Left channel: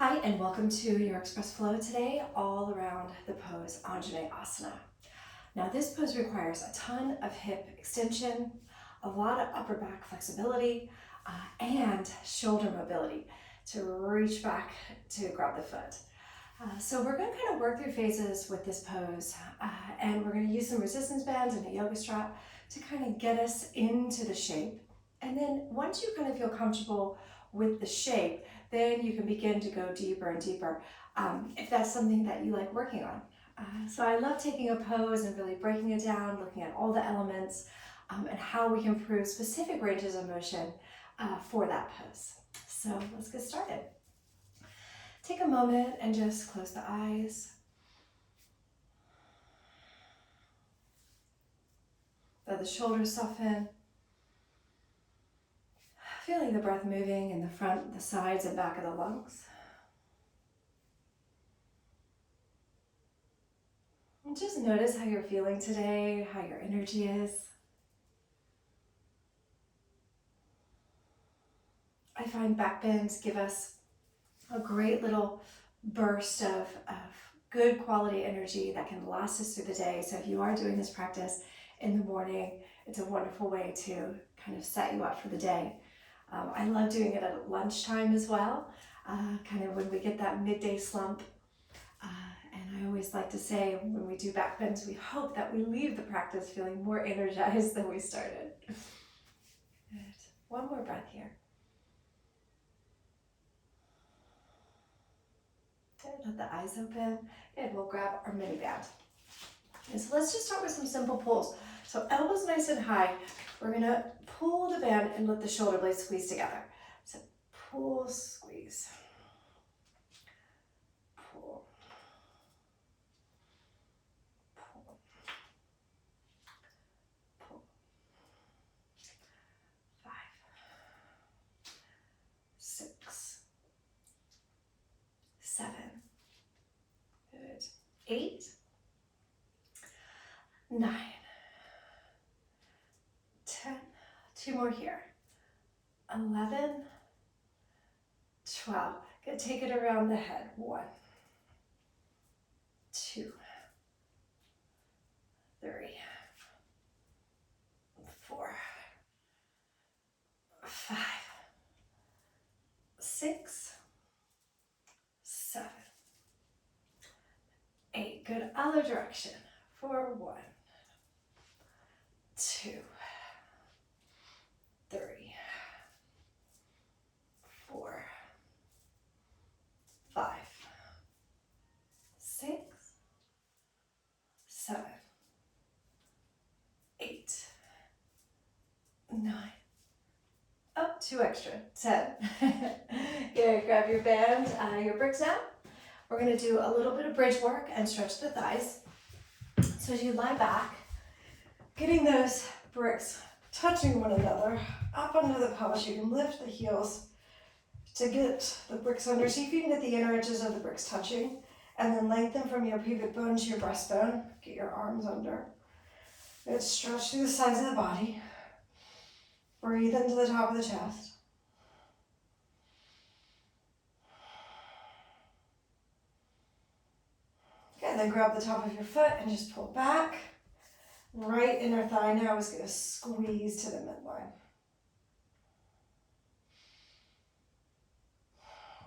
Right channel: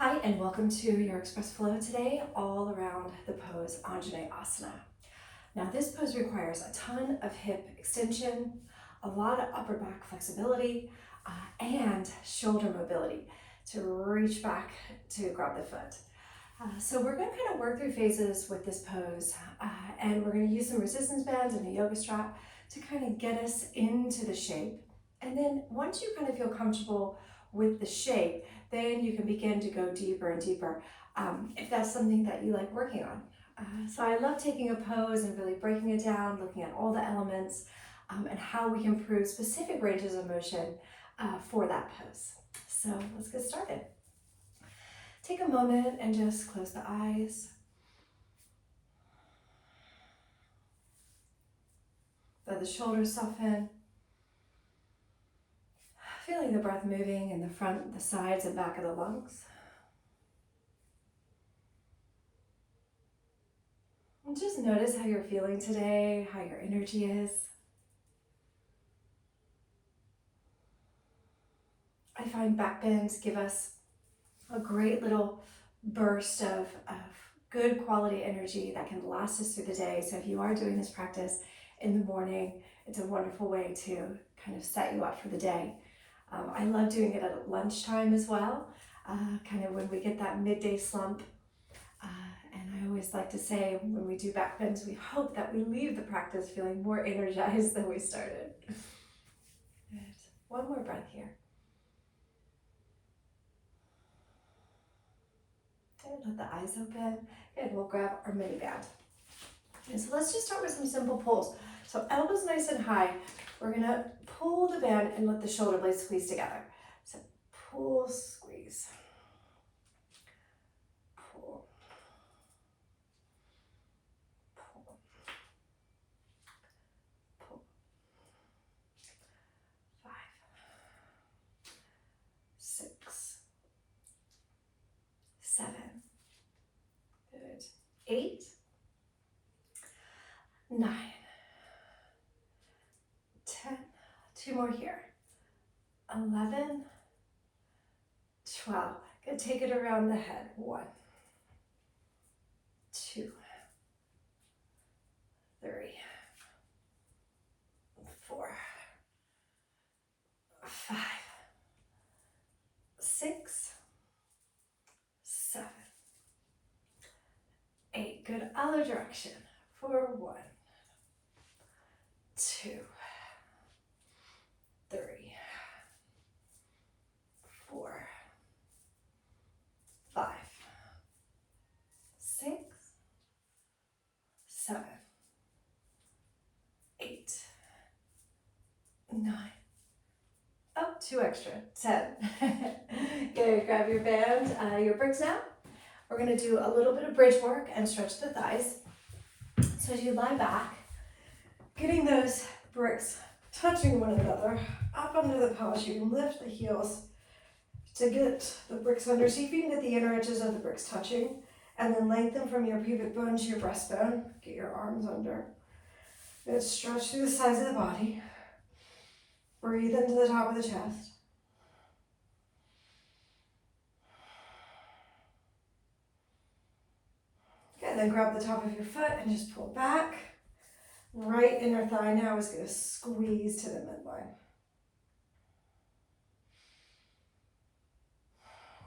Hi, and welcome to your Express Flow today, all around the pose Anjaneyasana. Now, this pose requires a ton of hip extension, a lot of upper back flexibility, and shoulder mobility to reach back to grab the foot. So we're going to kind of work through phases with this pose, and we're going to use some resistance bands and a yoga strap to kind of get us into the shape. And then once you kind of feel comfortable with the shape, then you can begin to go deeper and deeper if that's something that you like working on. So I love taking a pose and really breaking it down, looking at all the elements and how we can improve specific ranges of motion for that pose. So let's get started. Take a moment and just close the eyes. Let the shoulders soften. Feeling the breath moving in the front, the sides, and back of the lungs. And just notice how you're feeling today, how your energy is. I find back bends give us a great little burst of good quality energy that can last us through the day. So if you are doing this practice in the morning, it's a wonderful way to kind of set you up for the day. I love doing it at lunchtime as well, kind of when we get that midday slump. And I always like to say when we do back bends, we hope that we leave the practice feeling more energized than we started. Good. One more breath here. Good. Let the eyes open. Good. We'll grab our mini band. Okay, so let's just start with some simple pulls. So elbows nice and high. We're going to pull the band and let the shoulder blades squeeze together. So pull, squeeze. Pull. Pull. Pull. 5, 6, 7. Good. 8, 9, 10. 2 more here. 11, 12. Good. Take it around the head. 1, 2, 3, 4, 5, 6, 7, 8. Good. Other direction. For 1, 2, 3, 4, 5, 6, 7, 8, 9. Up, 2 extra. 10. Good. Grab your band, your bricks now. We're going to do a little bit of bridge work and stretch the thighs. So as you lie back, getting those bricks touching one another up under the pelvis, you can lift the heels to get the bricks under. So you can get the inner edges of the bricks touching, and then lengthen from your pubic bone to your breastbone. Get your arms under. Good. Stretch through the sides of the body. Breathe into the top of the chest. Okay, then grab the top of your foot and just pull back. Right inner thigh now is going to squeeze to the midline.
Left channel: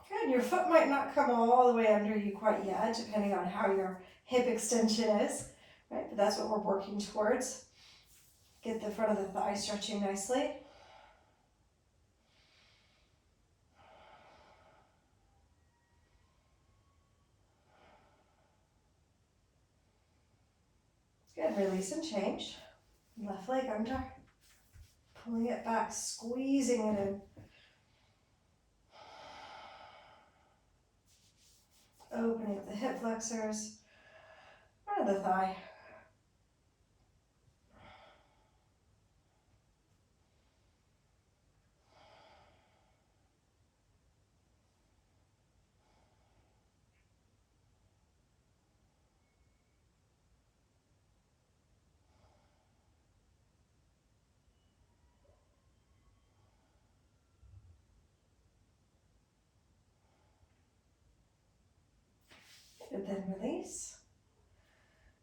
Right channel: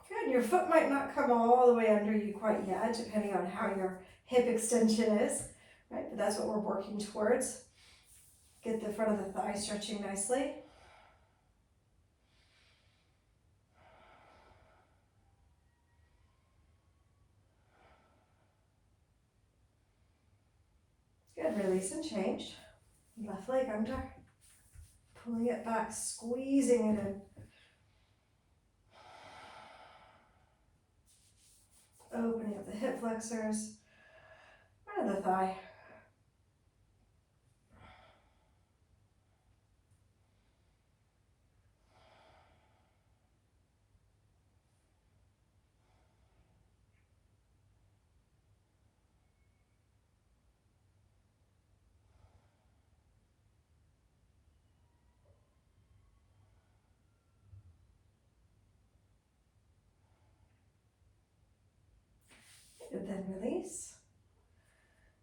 Good. Your foot might not come all the way under you quite yet, depending on how your hip extension is, right? But that's what we're working towards. Get the front of the thigh stretching nicely. Good. Release and change. Left leg under. Pulling it back, squeezing it in. Opening up the hip flexors. Front of the thigh. and then release.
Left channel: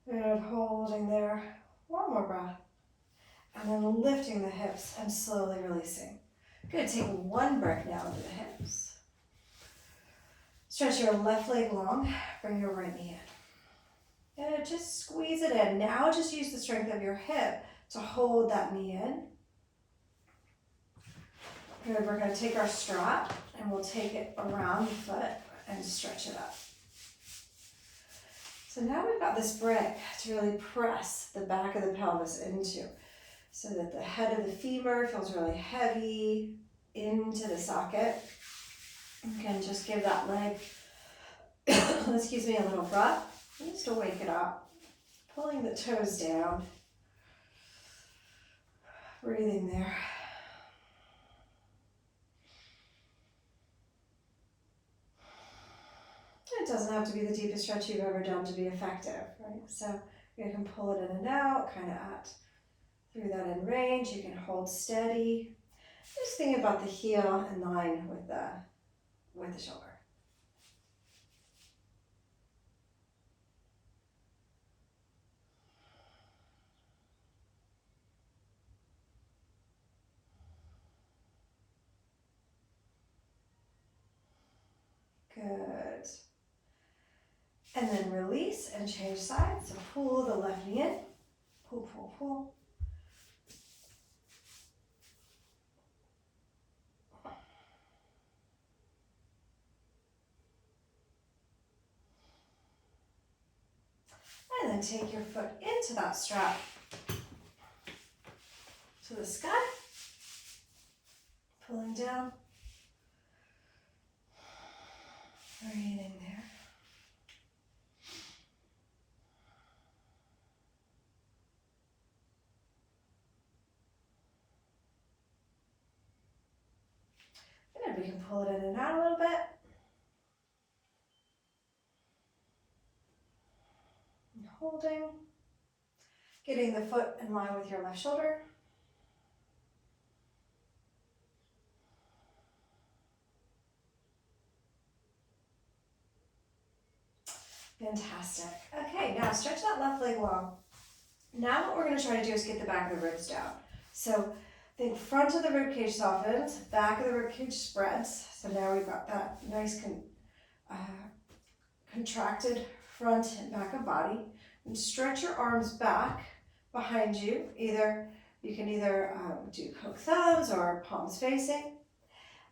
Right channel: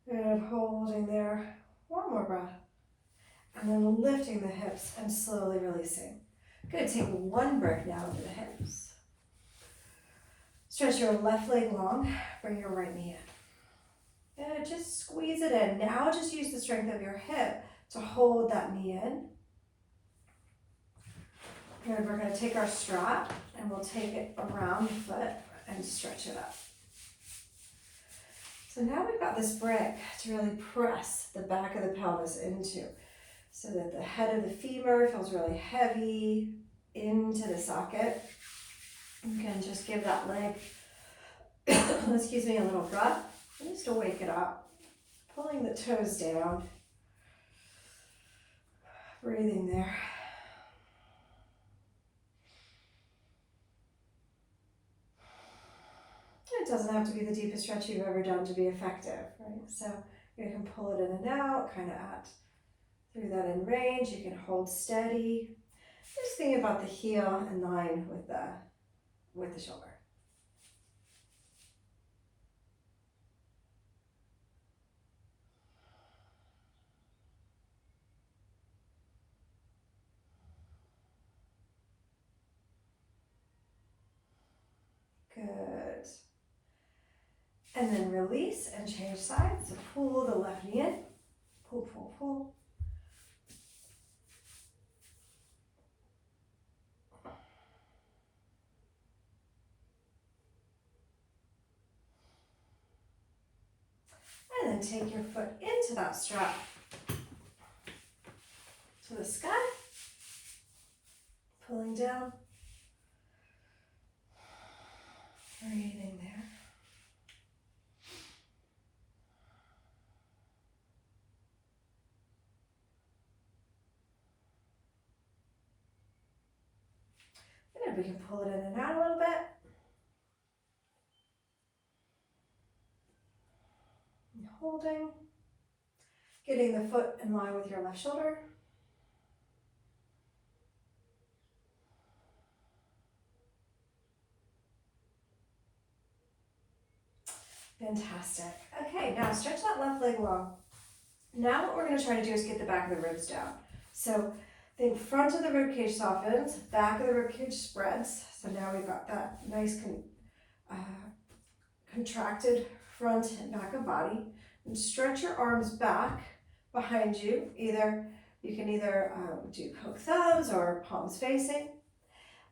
Good, holding there. One more breath. And then lifting the hips and slowly releasing. Good, take one breath now into the hips. Stretch your left leg long, bring your right knee in. Good, just squeeze it in. Now just use the strength of your hip to hold that knee in. Good, we're gonna take our strap and we'll take it around the foot and stretch it up. So now we've got this brick to really press the back of the pelvis into, so that the head of the femur feels really heavy into the socket. You can just give that leg, excuse me, a little breath, just to wake it up. Pulling the toes down, breathing there. It doesn't have to be the deepest stretch you've ever done to be effective, right? So you can pull it in and out, kind of through that in range. You can hold steady. Just think about the heel in line with the shoulder. Good. And then release and change sides. So pull the left knee in. Pull, pull, pull. And then take your foot into that strap to the sky. Pulling down. Breathing there. And we can pull it in and out a little bit. And holding. Getting the foot in line with your left shoulder. Fantastic. Okay, now stretch that left leg long. Now what we're going to try to do is get the back of the ribs down. So think front of the rib cage softens, back of the rib cage spreads. So now we've got that nice contracted front and back of body. And stretch your arms back behind you. You can either do poke thumbs or palms facing.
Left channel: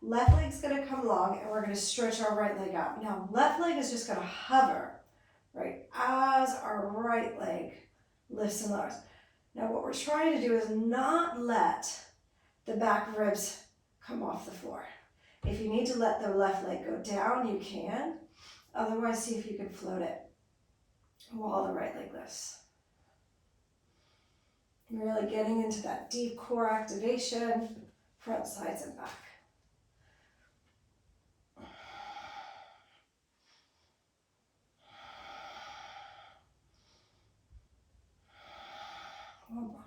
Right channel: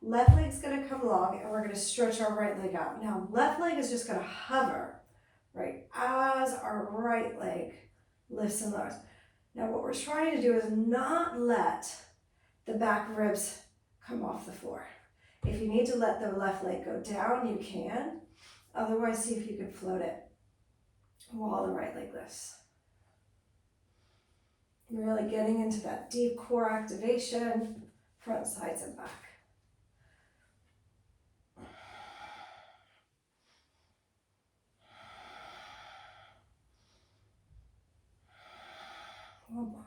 Left leg's going to come long, and we're going to stretch our right leg out. Now left leg is just going to hover right as our right leg lifts and lowers. Now what we're trying to do is not let the back ribs come off the floor. If you need to let the left leg go down, you can. Otherwise, see if you can float it while the right leg lifts. You're really getting into that deep core activation, front, sides, and back. One more.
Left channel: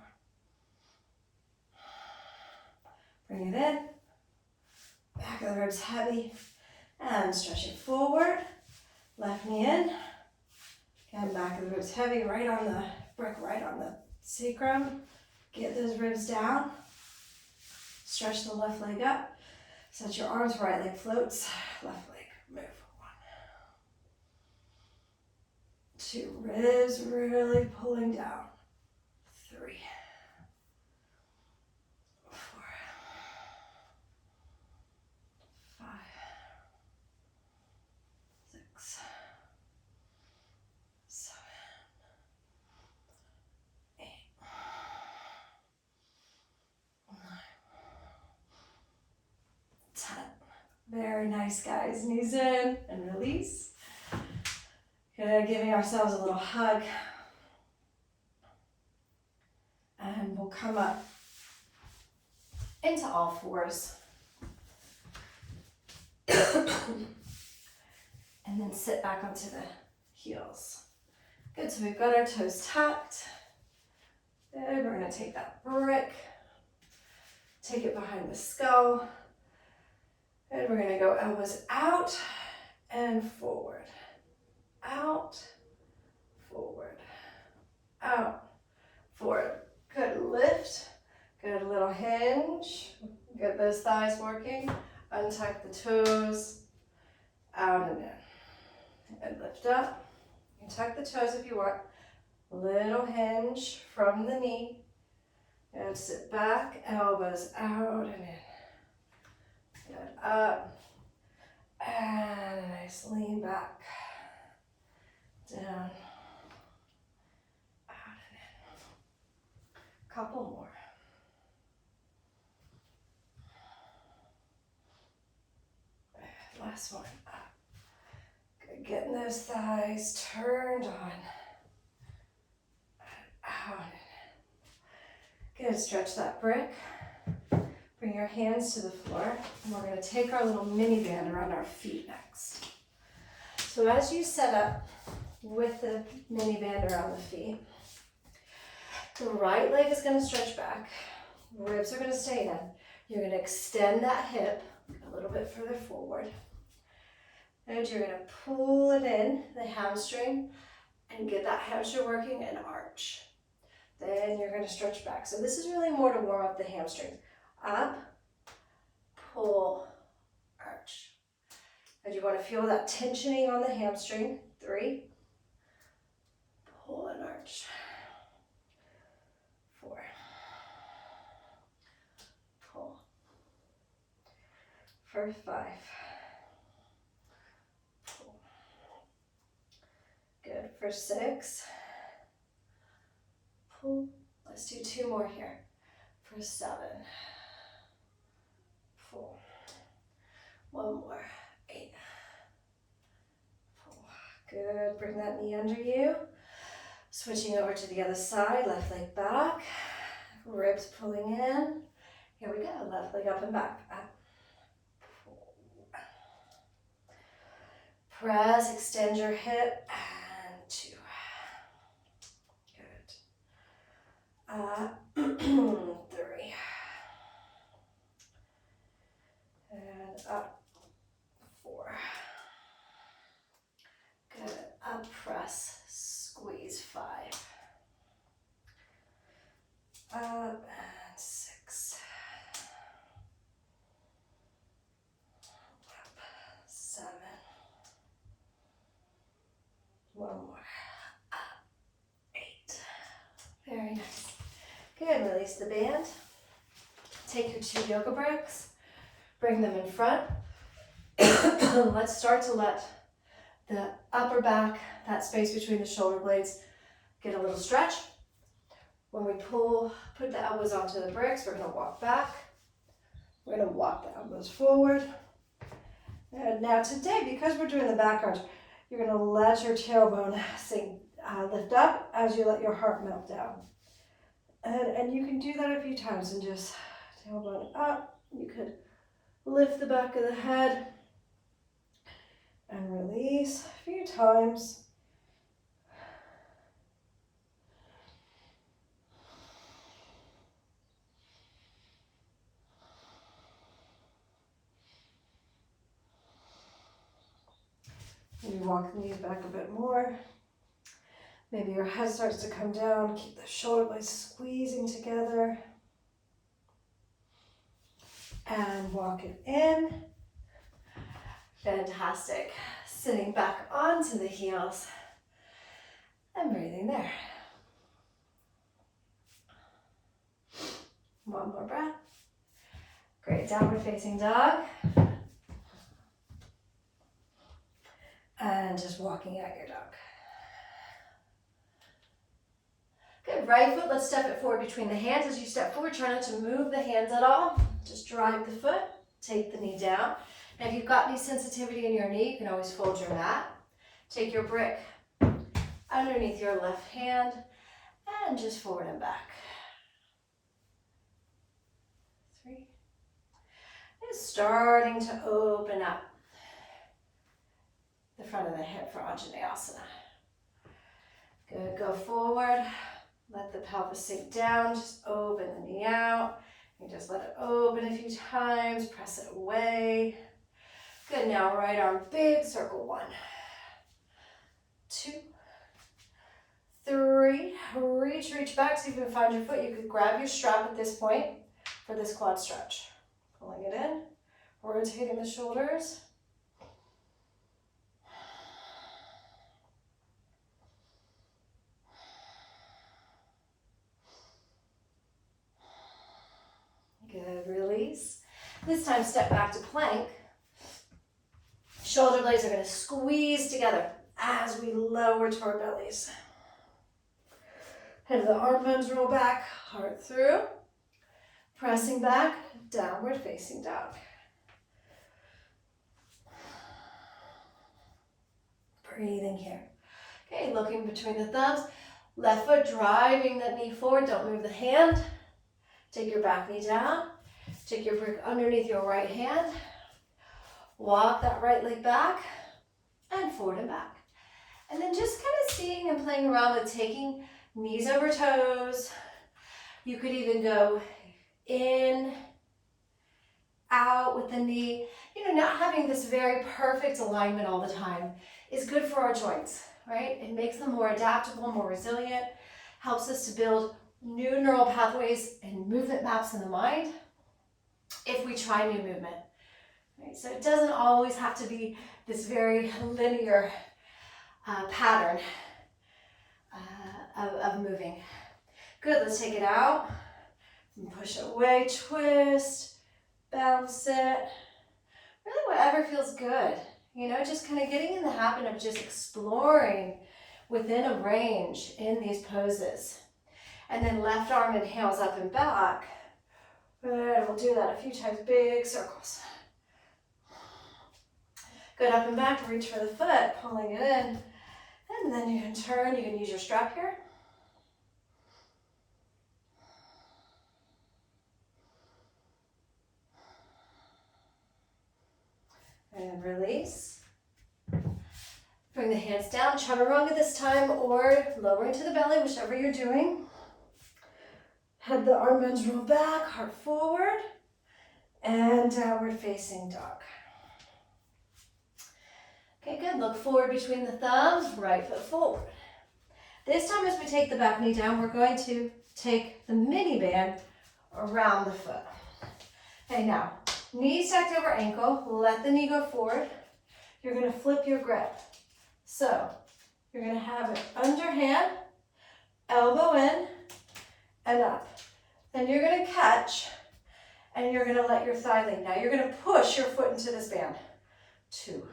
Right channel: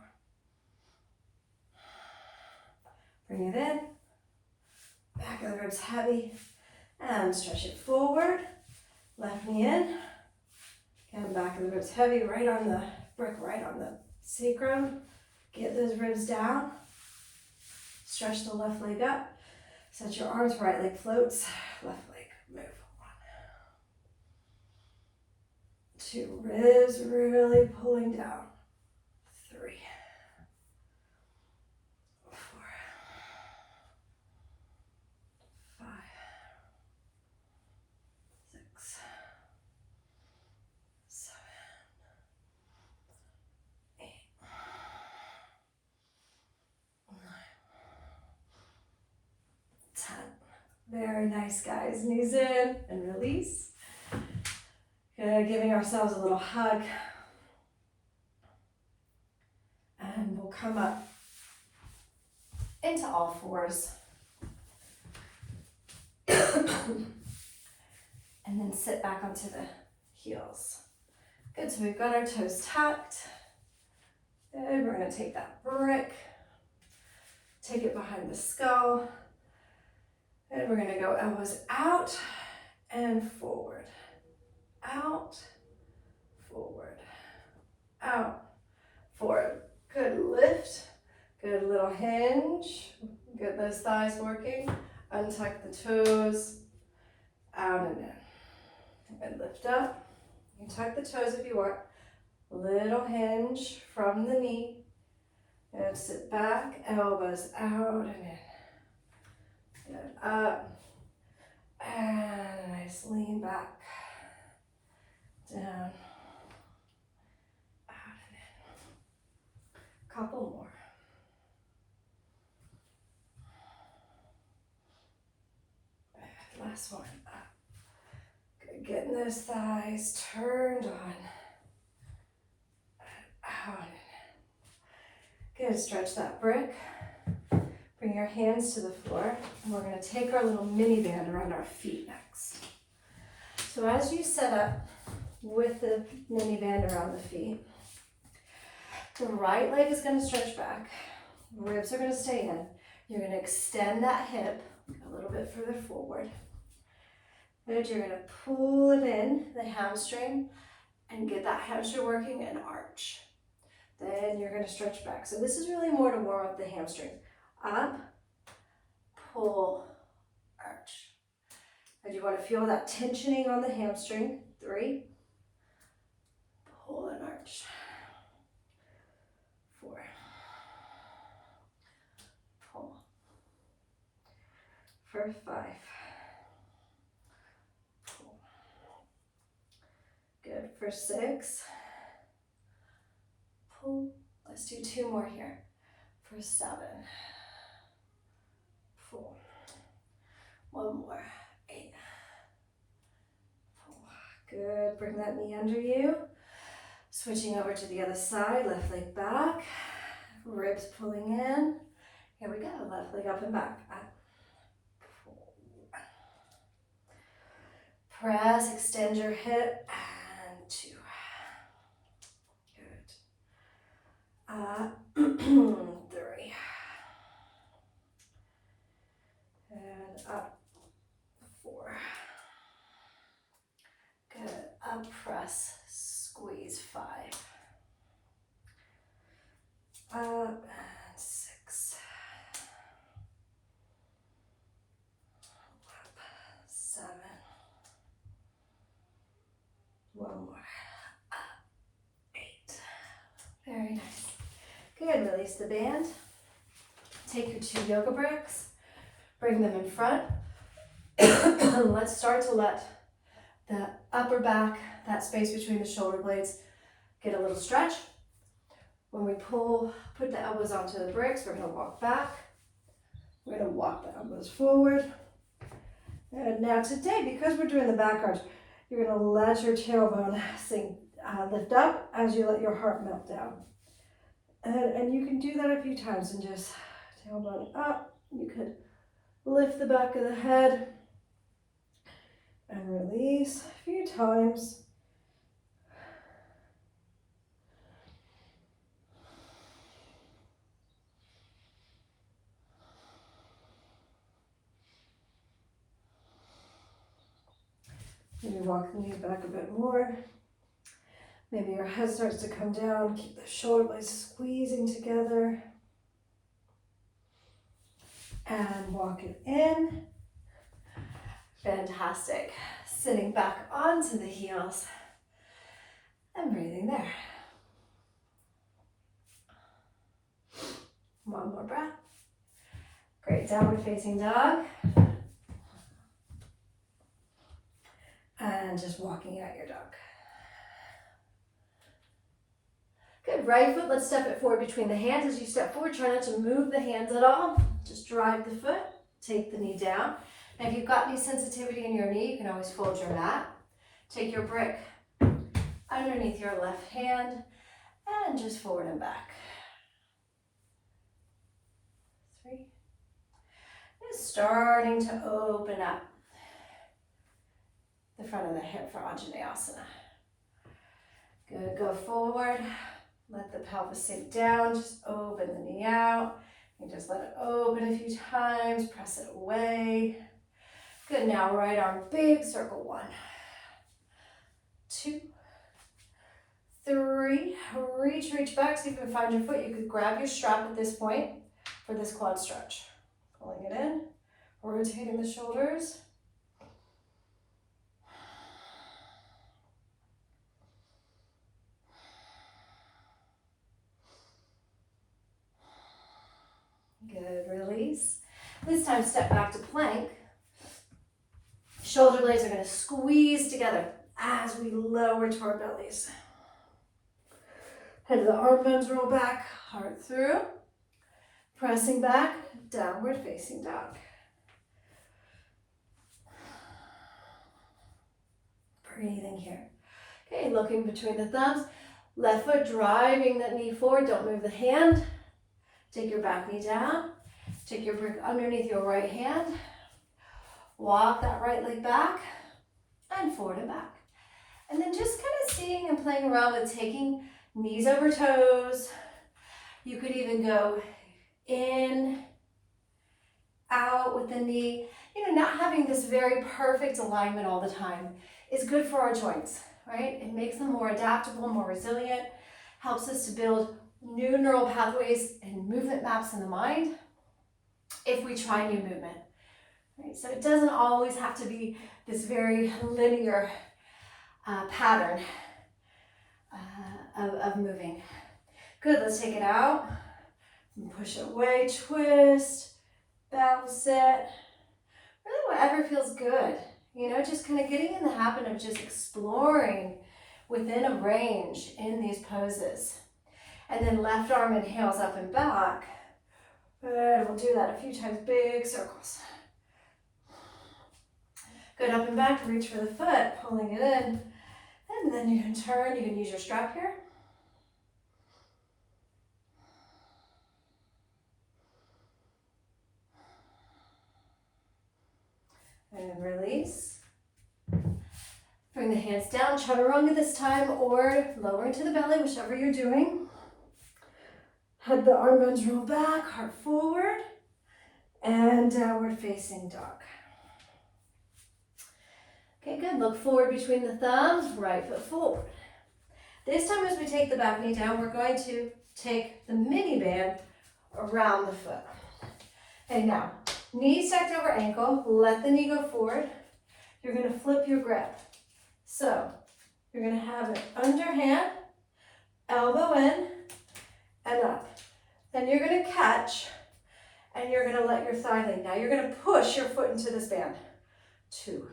Bring it in. Back of the ribs heavy. And stretch it forward. Left knee in. And back of the ribs heavy, right on the brick, right on the sacrum. Get those ribs down. Stretch the left leg up. Set your arms, right leg floats. Left leg move. 1. 2. Ribs really pulling down. 3. 4. 5. 6. 7. 8. 9. 10. Very nice, guys. Knees in and release. Good, giving ourselves a little hug. And we'll come up into all fours. And then sit back onto the heels. Good, so we've got our toes tucked. Good, we're gonna take that brick, take it behind the skull. And we're gonna go elbows out and forward, out, forward, out, forward. Good lift, good little hinge. Get those thighs working. Untuck the toes, out and in. And lift up. You can tuck the toes if you want. Little hinge from the knee. And sit back, elbows out and in. Good, up. And nice lean back. Down. Out and in. Couple more. Last one. Up. Good. Getting those thighs turned on. Out. Good. Stretch that brick. Bring your hands to the floor. And we're going to take our little mini band around our feet next. So as you set up with the mini band around the feet, the right leg is going to stretch back. Ribs are going to stay in. You're going to extend that hip a little bit further forward. And you're going to pull it in, the hamstring, and get that hamstring working and arch. Then you're going to stretch back. So this is really more to warm up the hamstring. Up, pull, arch. And you want to feel that tensioning on the hamstring. 3, pull and arch. 4, pull. For 5, pull. Good. For 6, pull. Let's do 2 more here. For 7, pull. 1 more. 8, pull. Good. Bring that knee under you. Switching over to the other side. Left leg back. Ribs pulling in. Here we go. Left leg up and back. Up. Pull. Press. Extend your hip. And 2. Good. 3. And up. 4. Good. Up, press, squeeze. 5. Up and 6. Up, 7. 1 more. Up, 8. Very nice. Good, release the band. Take your 2 yoga bricks, bring them in front. Let's start to let the upper back, that space between the shoulder blades, get a little stretch. When we pull, put the elbows onto the bricks, we're going to walk back. We're going to walk the elbows forward. And now today, because we're doing the back arch, you're going to let your tailbone sink, lift up as you let your heart melt down. And you can do that a few times and just tailbone up. You could lift the back of the head and release a few times. Maybe walk the knees back a bit more. Maybe your head starts to come down. Keep the shoulder blades squeezing together. And walk it in. Fantastic. Sitting back onto the heels and breathing there. 1 more breath. Great. Downward facing dog. And just walking out your dog. Good. Right foot, let's step it forward between the hands. As you step forward, try not to move the hands at all. Just drive the foot, take the knee down. And if you've got any sensitivity in your knee, you can always fold your mat. Take your brick underneath your left hand and just forward and back. 3. It's starting to open up the front of the hip for anjaneyasana. Good. Go forward. Let the pelvis sink down. Just open the knee out. And just let it open a few times. Press it away. Good. Now right arm big, circle 1. 2, 3. Reach back. See if you can find your foot. You could grab your strap at this point for this quad stretch. Pulling it in, rotating the shoulders. Good, release. This time step back to plank. Shoulder blades are going to squeeze together as we lower to our bellies. Head of the arm bones roll back, heart through. Pressing back, downward facing dog. Breathing here. Okay, looking between the thumbs. Left foot driving that knee forward. Don't move the hand. Take your back knee down. Take your brick underneath your right hand. Walk that right leg back and forward and back. And then just kind of seeing and playing around with taking knees over toes. You could even go in, out with the knee. You know, not having this very perfect alignment all the time is good for our joints, right? It makes them more adaptable, more resilient, helps us to build new neural pathways and movement maps in the mind if we try new movement. Right? So it doesn't always have to be this very linear pattern of moving. Good, let's take it out. And push it away, twist, bounce it. Really whatever feels good. You know, just kind of getting in the habit of just exploring within a range in these poses. And then left arm inhales up and back. Good, we'll do that a few times, big circles. Good, up and back, reach for the foot, pulling it in. And then you can turn, you can use your strap here. And release. Bring the hands down, chaturanga this time, or lowering to the belly, whichever you're doing. Head the arm bones roll back, heart forward, and downward facing dog. Okay, good. Look forward between the thumbs, right foot forward. This time as we take the back knee down, we're going to take the mini band around the foot. Okay, now, knee stacked over ankle, let the knee go forward. You're going to flip your grip. So, you're going to have it underhand, elbow in, and up. Then you're going to catch, and you're going to let your thigh lay. Now you're going to push your foot into this band. 2,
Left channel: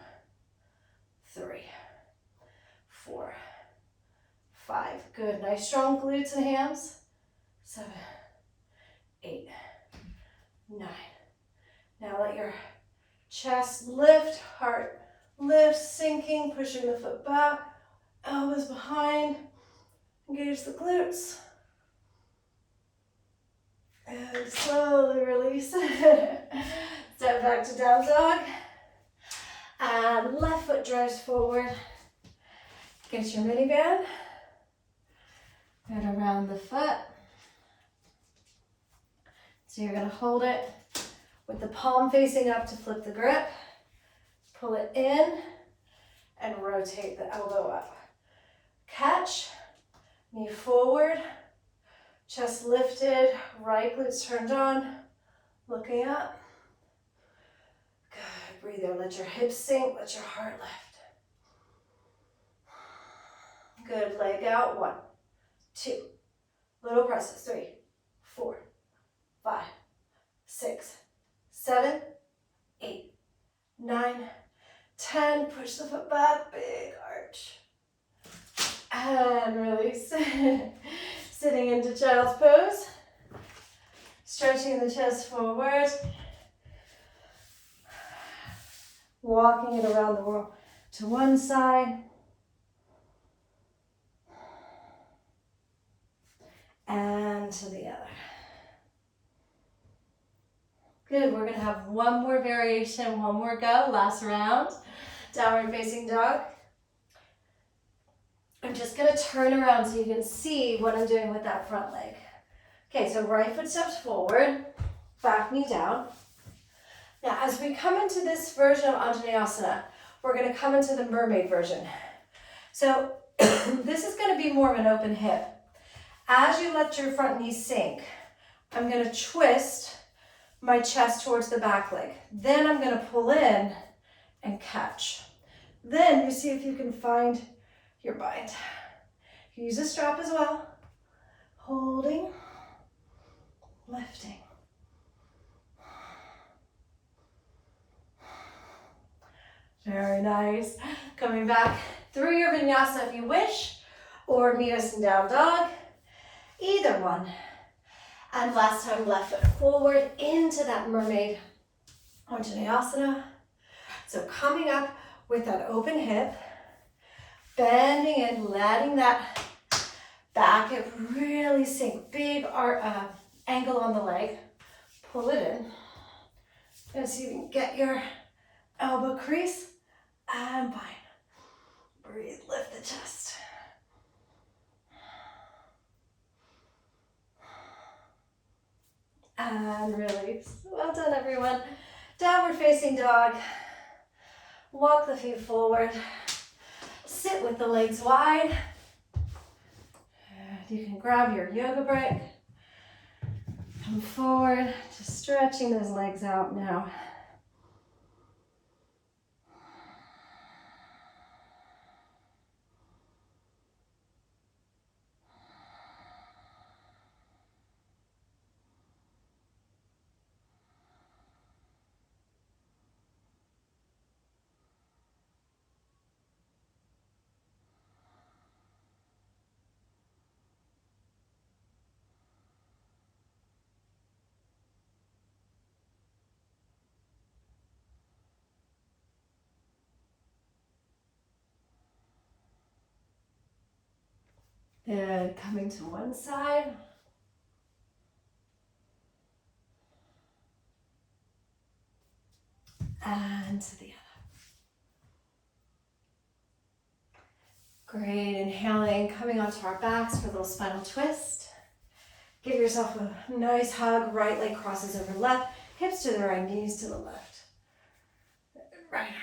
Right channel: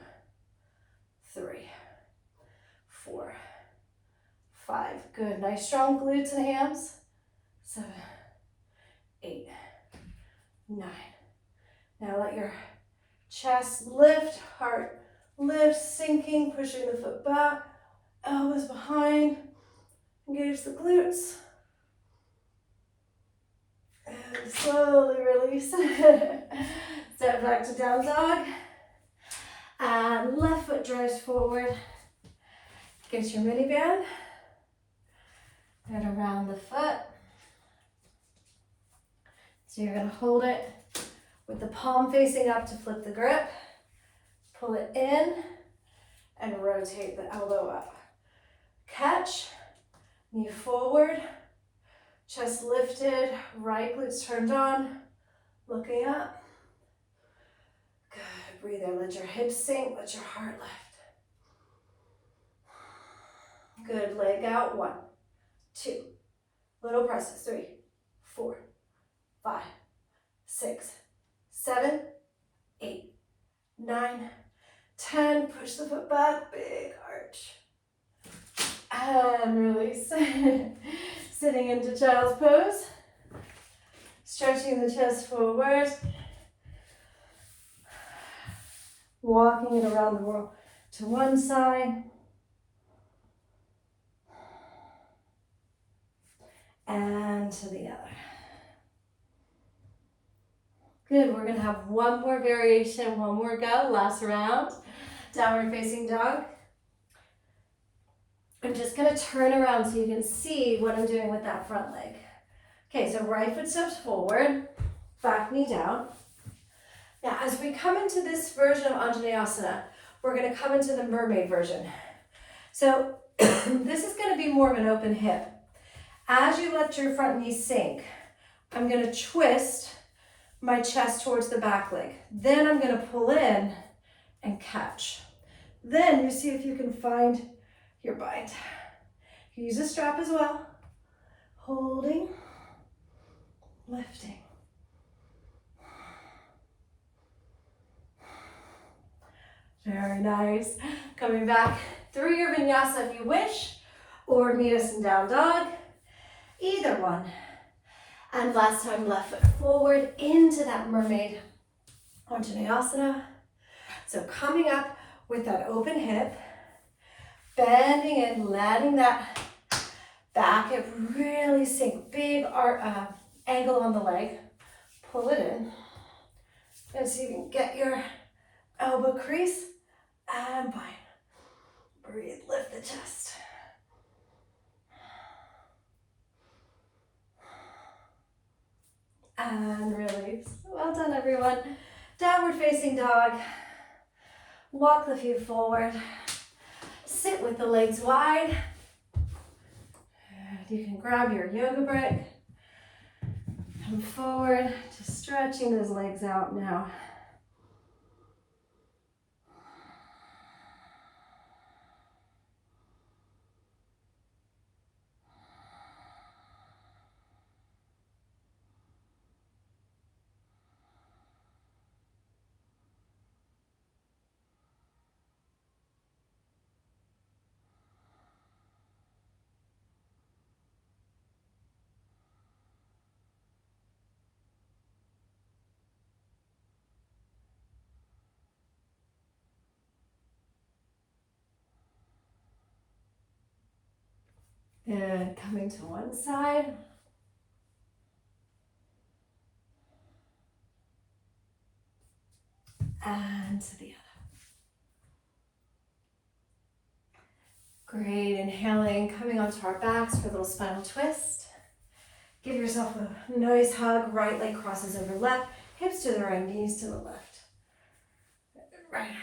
3, 4, 5. Good. Nice strong glutes and hams. 7, 8, 9. Now let your chest lift, heart lift, sinking, pushing the foot back, elbows behind, engage the glutes. And slowly release. Step back to down dog. And left foot drives forward. Get your mini band. And around the foot. So you're going to hold it with the palm facing up to flip the grip. Pull it in and rotate the elbow up. Catch, knee forward, chest lifted, right glutes turned on, looking up. Good, breathe there, let your hips sink, let your heart lift. Good, leg out, 1, 2, little presses, 3, 4, 5, 6, 7, 8, 9, 10, push the foot back, big arch. And release. Sitting into child's pose. Stretching the chest forward. Walking it around the world to one side. And to the other. Good, we're gonna have one more variation, one more go, last round. Downward facing dog. I'm just gonna turn around so you can see what I'm doing with that front leg. Okay, so right foot steps forward, back knee down. Now, as we come into this version of anjaneyasana, we're gonna come into the mermaid version. So this is going to be more of an open hip. As you let your front knee sink, I'm going to twist my chest towards the back leg. Then I'm going to pull in and catch. Then you see if you can find your bind. You use a strap as well. Holding, lifting. Very nice. Coming back through your vinyasa if you wish, or meet us in down dog. Either one. And last time, left foot forward into that mermaid anjaneyasana. So coming up with that open hip, bending and letting that back hip really sink. Big angle on the leg. Pull it in. And see if you can get your elbow crease and bind. Breathe, lift the chest. And release. Well done, everyone. Downward facing dog. Walk the feet forward. Sit with the legs wide. And you can grab your yoga brick. Come forward, just stretching those legs out now. And coming to one side. And to the other. Great, inhaling, coming onto our backs for a little spinal twist. Give yourself a nice hug, right leg crosses over left, hips to the right, knees to the left. Right arm out.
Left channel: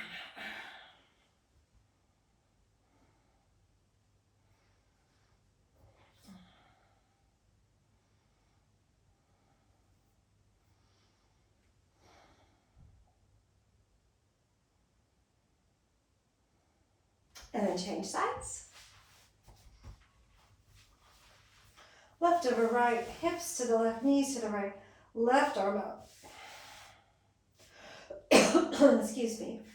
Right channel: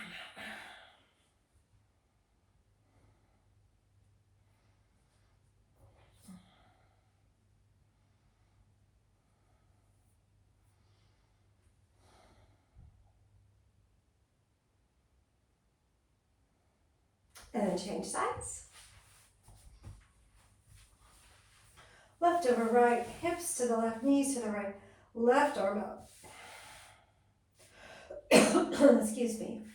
And then change sides. Left over right, hips to the left, knees to the right, left arm out. Excuse me.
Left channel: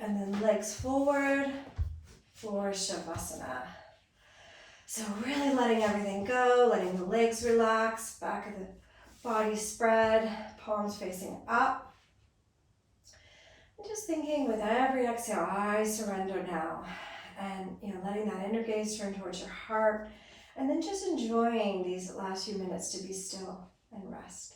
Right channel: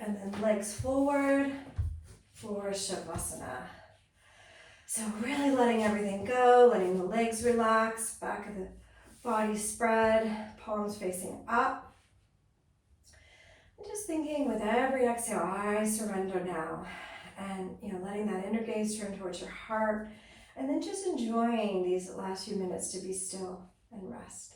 And then legs forward for Shavasana. So really letting everything go, letting the legs relax, back of the body spread, palms facing up. And just thinking with every exhale, I surrender now. And letting that inner gaze turn towards your heart. And then just enjoying these last few minutes to be still and rest.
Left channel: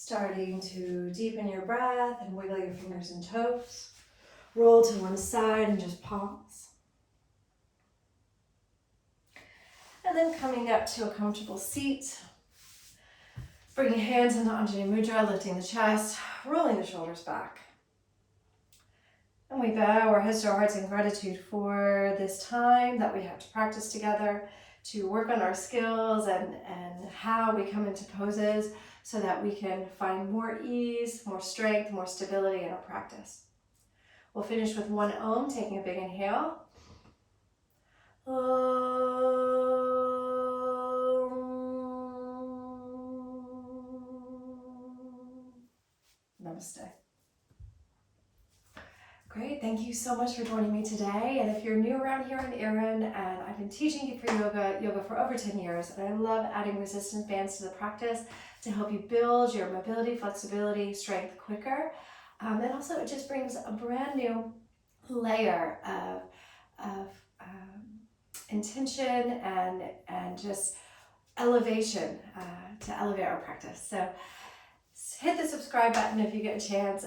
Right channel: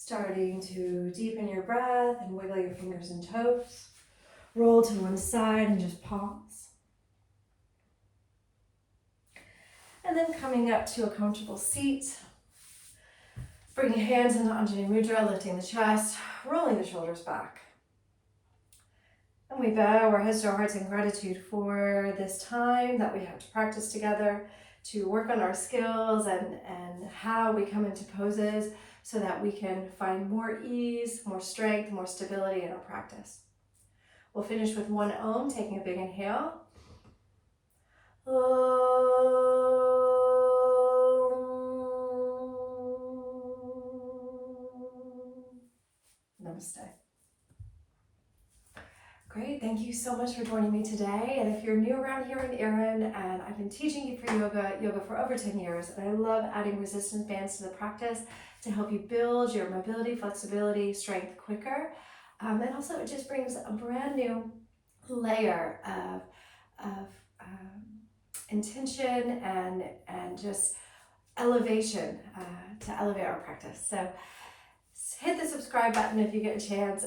Starting to deepen your breath and wiggle your fingers and toes. Roll to one side and just pause. And then coming up to a comfortable seat. Bringing hands into Anjali Mudra, lifting the chest, rolling the shoulders back. And we bow our heads to our hearts in gratitude for this time that we have to practice together, to work on our skills and how we come into poses so that we can find more ease, more strength, more stability in our practice. We'll finish with one Om, taking a big inhale. Namaste. Great, thank you so much for joining me today. And if you're new around here in Erin, and I've been teaching you for yoga for over 10 years, and I love adding resistance bands to the practice to help you build your mobility, flexibility, strength quicker. And also it just brings a brand new layer of intention and just elevation to elevate our practice. So hit the subscribe button if you get a chance.